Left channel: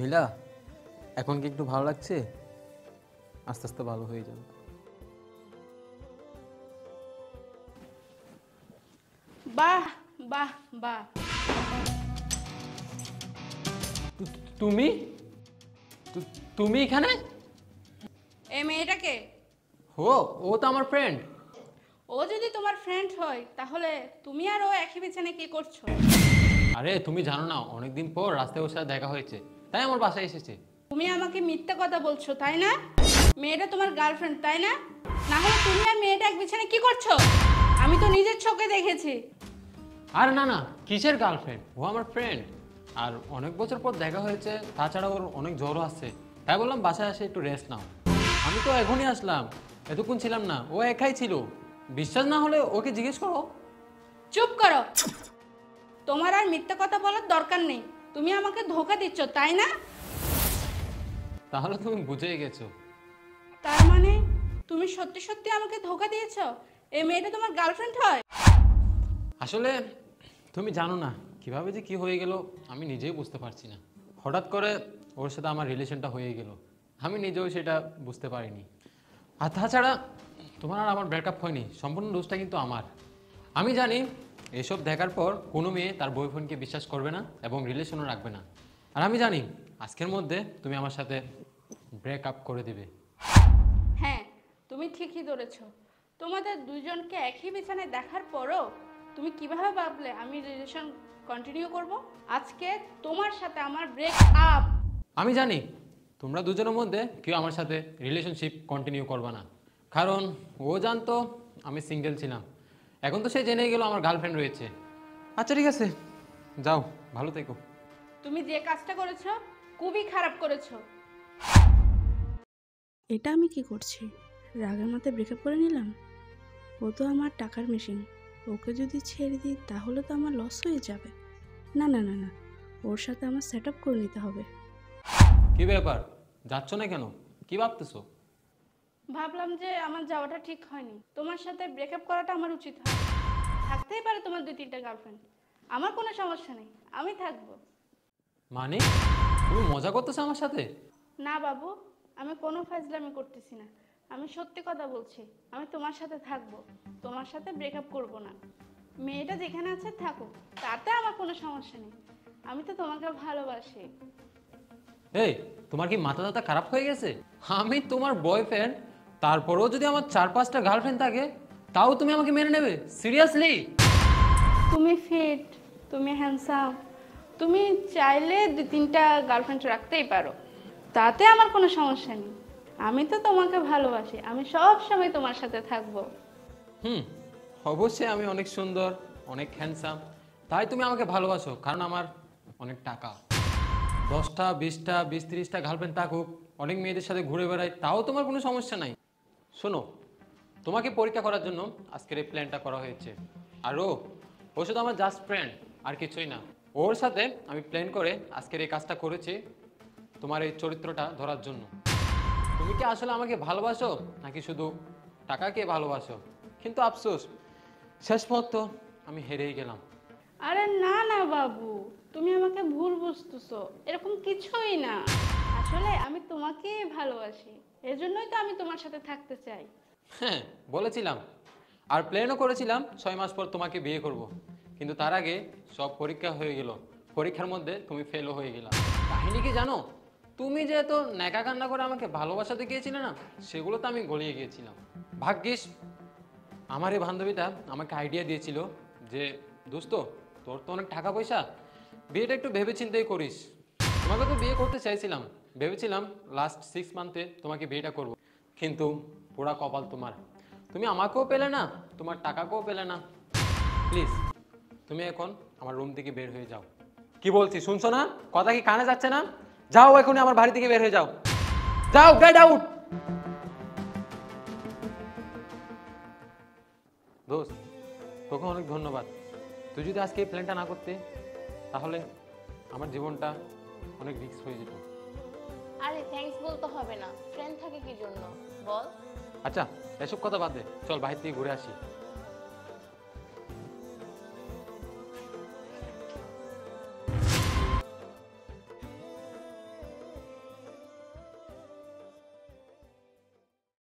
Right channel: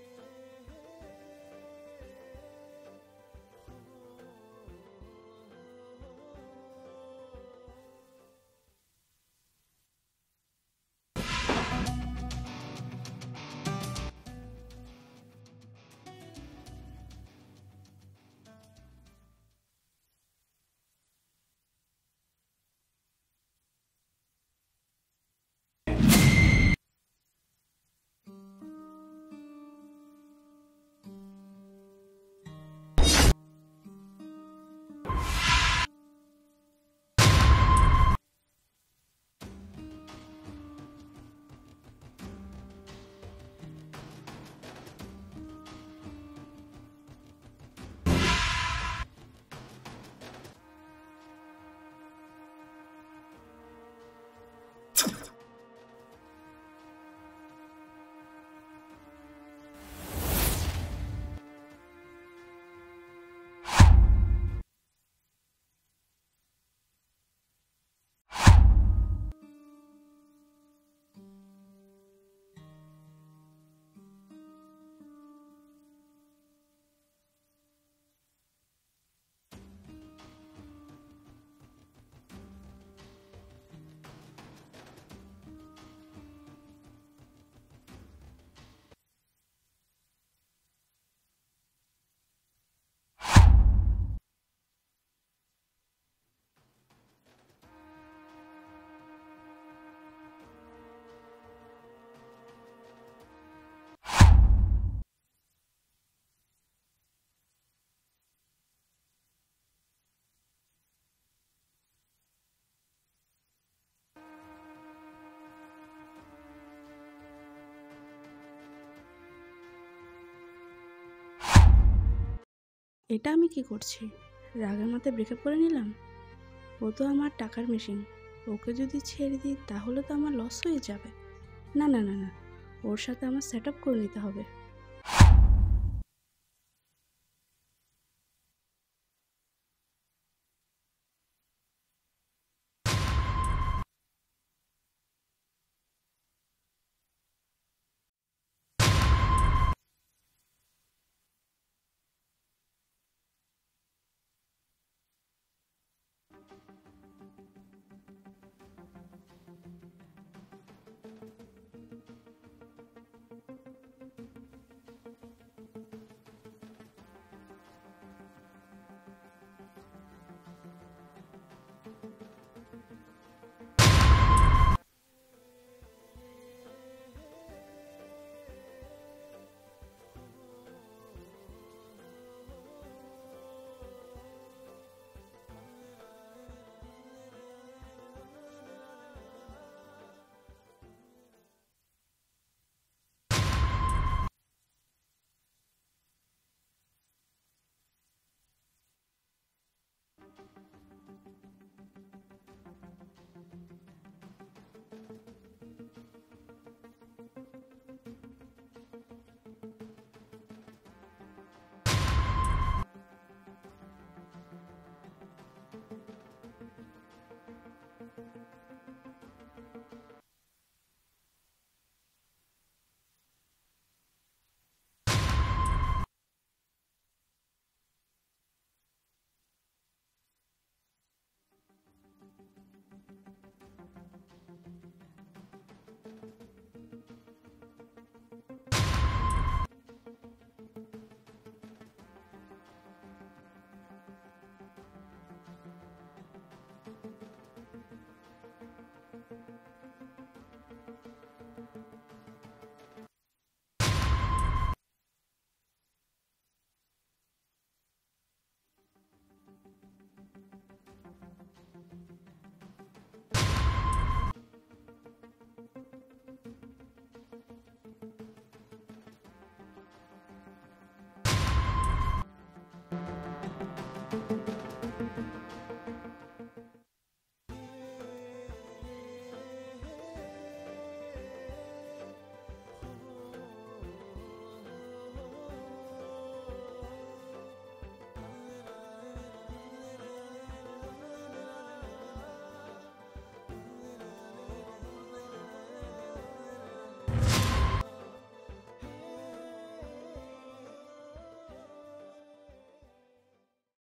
নীলা, এখন কি একটু ভালো লাগছে? আস্তে আস্তে ভালো হয়ে যাবে। বাহ বাহ বাহ। তুমি তুমি এখানে? এই মেয়েটাকে? ও ও তো আমার ফ্রেন্ড। ও যদি তোমার ফ্রেন্ড হয় তাহলে তুমি আর ও একই বিছানায় কি করছো? আরে তুমি জানো না, অনেকদিন পর রাস্তায় ওর সাথে দেখা হয়েছে, তাই আমার বাসায় এসেছে। তুমি আমাকে মিথ্যা কথা বলছো তাই না? মেয়েটা তোমার গার্লফ্রেন্ড তাই না? না হলে তুমি আর মেয়েটা এক বিছানায় কি করছো? আমি তো নিজের চোখে দেখেছি। আর না না, কিসের গার্লফ্রেন্ড, ও আমার ফ্রেন্ড। আর অনেক বছর পর দেখা হয়েছে, তাছাড়া ওর অনেক জ্বরও আসছে, তাই বললাম বাসায় আসে একটু রেস্ট নাও। আমি তো এখনই আসলাম, এতক্ষণ ছিলাম না, ও একাই ছিল। বিশ্বাস না হলে ওকে জিজ্ঞেস করো। চুপ করো। তোমার আর মিথ্যা কথা বলার দরকার নেই। তুমি আমাকে ধোঁকা দিচ্ছ তাই না? তাহলে তুমি বুঝেই গেছো। তার মানে তুমি সত্যি সত্যি আমাকে ধোঁকা দিয়েছো? এই মেয়েটা তোমার গার্লফ্রেন্ড হয়? আসলে তুমি জানো না কিভাবে যে কি হয়ে গেল, আমি নিজেই বুঝতে পারছি না। হঠাৎ করে ওর সাথে আমার রিলেশনটা হয়ে গেল, আমি নিজেও সেটা বুঝতে পারিনি। আর তাছাড়া তোমার আর আমার ব্রেকআপ হয়নি, সম্পূর্ণ দোষটা কিন্তু আমার। আমি জানি এসব দেখার পর কোনো মেয়ে তার বয়ফ্রেন্ডকে বিশ্বাস করবে না এবং রিলেশনও রাখবে না। আর আমি জানি আজকের মধ্যে তুমি আমার সাথে ব্রেকআপ করে দেবে। হ্যাঁ, তুমি ঠিকই ধরেছো। তোমাদের দুজনকে একই বিছানায় দেখার পরও তুমি কিভাবে ভাবলে আমি রিলেশন কন্টিনিউ করব? আজকে তোমার সাথে আমার ব্রেকআপ। আমি জানি তোমরা দুজনের মধ্যে কেউ আমার সাথে রিলেশনশিপ কন্টিনিউ করবে না, কারণ ও জানতো আমি সিঙ্গেল ছিলাম। এখন তো সে জেনে গেল আমার গার্লফ্রেন্ড রয়েছে। আচ্ছা ঠিক আছে, যাও, ভালো থেকো। তুমি যে কাজটা করেছো খুবই খারাপ করেছো। এটা আমি কি করছি? রাগের মাথায় ব্রেকআপ করে নিলাম। ও তো আমার টাকার মেশিন, ওকে যদি ছেড়ে দিই তাহলে তো আমার লস হয়ে যাবে। না না না না, ওর সাথে আমার সেট আপ করে নিতে হবে। কি ব্যাপার, যাচ্ছ না কেন? কি ভাবতেছো? ভাবলাম যে আমার যাওয়াটা ঠিক হয়নি, তোমার সাথে ব্রেকআপ করাটা আমার উচিত হয়। থাকতেই পারে তোমার 2-3টা গার্লফ্রেন্ড, আমার কোনো সমস্যা নেই, আমি থাকবো। মানে তুমি মজা করতেছো আমার সাথে? না বাবু, আমি কোনো ফাজলামি করতেছি না, আমি সত্যি কথা বলছি। আমি তোমার সাথে থাকবো, তোমার সাথে ব্রেকআপ করব না। মেয়েটা যেখানে আছে থাকুক, তাতে আমার কোনো সমস্যা নেই। আমি তো তোমাকে ভালোবাসি। এই, তোমার কি মাথা টাথা খারাপ হয়ে গেছে? আমি তোমার বয়ফ্রেন্ড, তারপরেও যদি আমার 4-5টা গার্লফ্রেন্ড থাকে তাও তুমি আমাকে মেনে নেবে? সিরিয়াসলি? তুমি ফিট, তুমি হ্যান্ডসাম, তুমি চাইলে 2-3টা গার্লফ্রেন্ড রাখতেই পারো, তাতে আমার কোনো সমস্যা নেই। আমি তো তোমাকে ভালোবাসি, আমি সব সময় তোমার সাথে থাকবো। অবশ্যই আমি অনেক সুন্দর, অনেক হ্যান্ডসাম, তাই তুমি আমাকে ভালোবাসো, কারণ আমার অনেক টাকা। 10টা 20টা 20-30টা গার্লফ্রেন্ড থাকুক, অনেক মেয়েদের সাথে ঘুরে বেড়াই, তাও তোমার কোনো সমস্যা নাই। শোনো, তোমাকে পরীক্ষা করার জন্য আজকের এই প্ল্যানটা করা হয়েছে। আর ও শুধু আমার জাস্ট ফ্রেন্ড, আর কিছুই না। ওর সাথে আমি প্ল্যান করে আজকের এই কাজটা করেছি, তোমার এই চরিত্রটা ধরার জন্য। তুমি কি আসলে আমাকে ভালোবাসো নাকি শুধু টাকাকে ভালোবাসো? কিন্তু আফসোস, শেষ পর্যন্ত আমি হেরেই গেলাম। আরে না না বাবু, তুমি আমাকে ভুল বুঝতেছো, এরকম কিছুই না। আসলে আমি তোমাকেই ভালোবাসি, এজন্যই তো আমি তোমার সাথে থাকতে চাই। হ্যাঁ, বলেছিলাম, আর প্ল্যানও করেছিলাম 6 মাস পর তোমাকে বিয়ে করব। কিন্তু তার আগে সব পরীক্ষা হয়ে গেল, পরীক্ষার মধ্যে তুমি ফেলও হয়ে গেলা। কাহিনী কি জানো? তুমি যে এত ন্যাকা কান্না করে আমাকে ভালোবাসা দেখিয়েছিলে না, সেগুলো তো আমি গলিয়ে গিয়েছিলাম। ভাগ্যিস আমার এই বান্ধবীটা আমাকে আইডিয়া দিয়েছিল যে দোস্ত, তোর তো অনেক টাকা পয়সা, বিয়েটা একটু ভেবে চিন্তেই করিস। তোমাকে তো বিয়ে করতে চাইছিলাম, ভেবেছিলাম লাস্ট 6 মান্থে তোমাকে বিয়েটা করব, কিন্তু পুরা কপাল তোমার। তুমি আমাকেও পেলে না, তোমার টাকাকেও পেলে না। প্লিজ তুমি এখন আমার রুম থেকে বের হয়ে যাও। কি বলছি শুনছো না? কথা কি কানে যাচ্ছে না? যাও এখনই আমার বাড়ি থেকে বের হয়ে যাও, যাও, গেট আউট। দোস্ত, তোকে অনেক ধন্যবাদ। তুই যদি আজকে এই প্ল্যানটা না করতে, তাহলে আমার জীবনটা অনেক রিস্ক হয়ে যেত। আরে থ্যাঙ্কস বলতে হবে না, ফ্রেন্ড থাকে কি জন্য বল। আচ্ছা, এসব কথা বাদ দে, চল বাইরে থেকে ঘুরে আসি।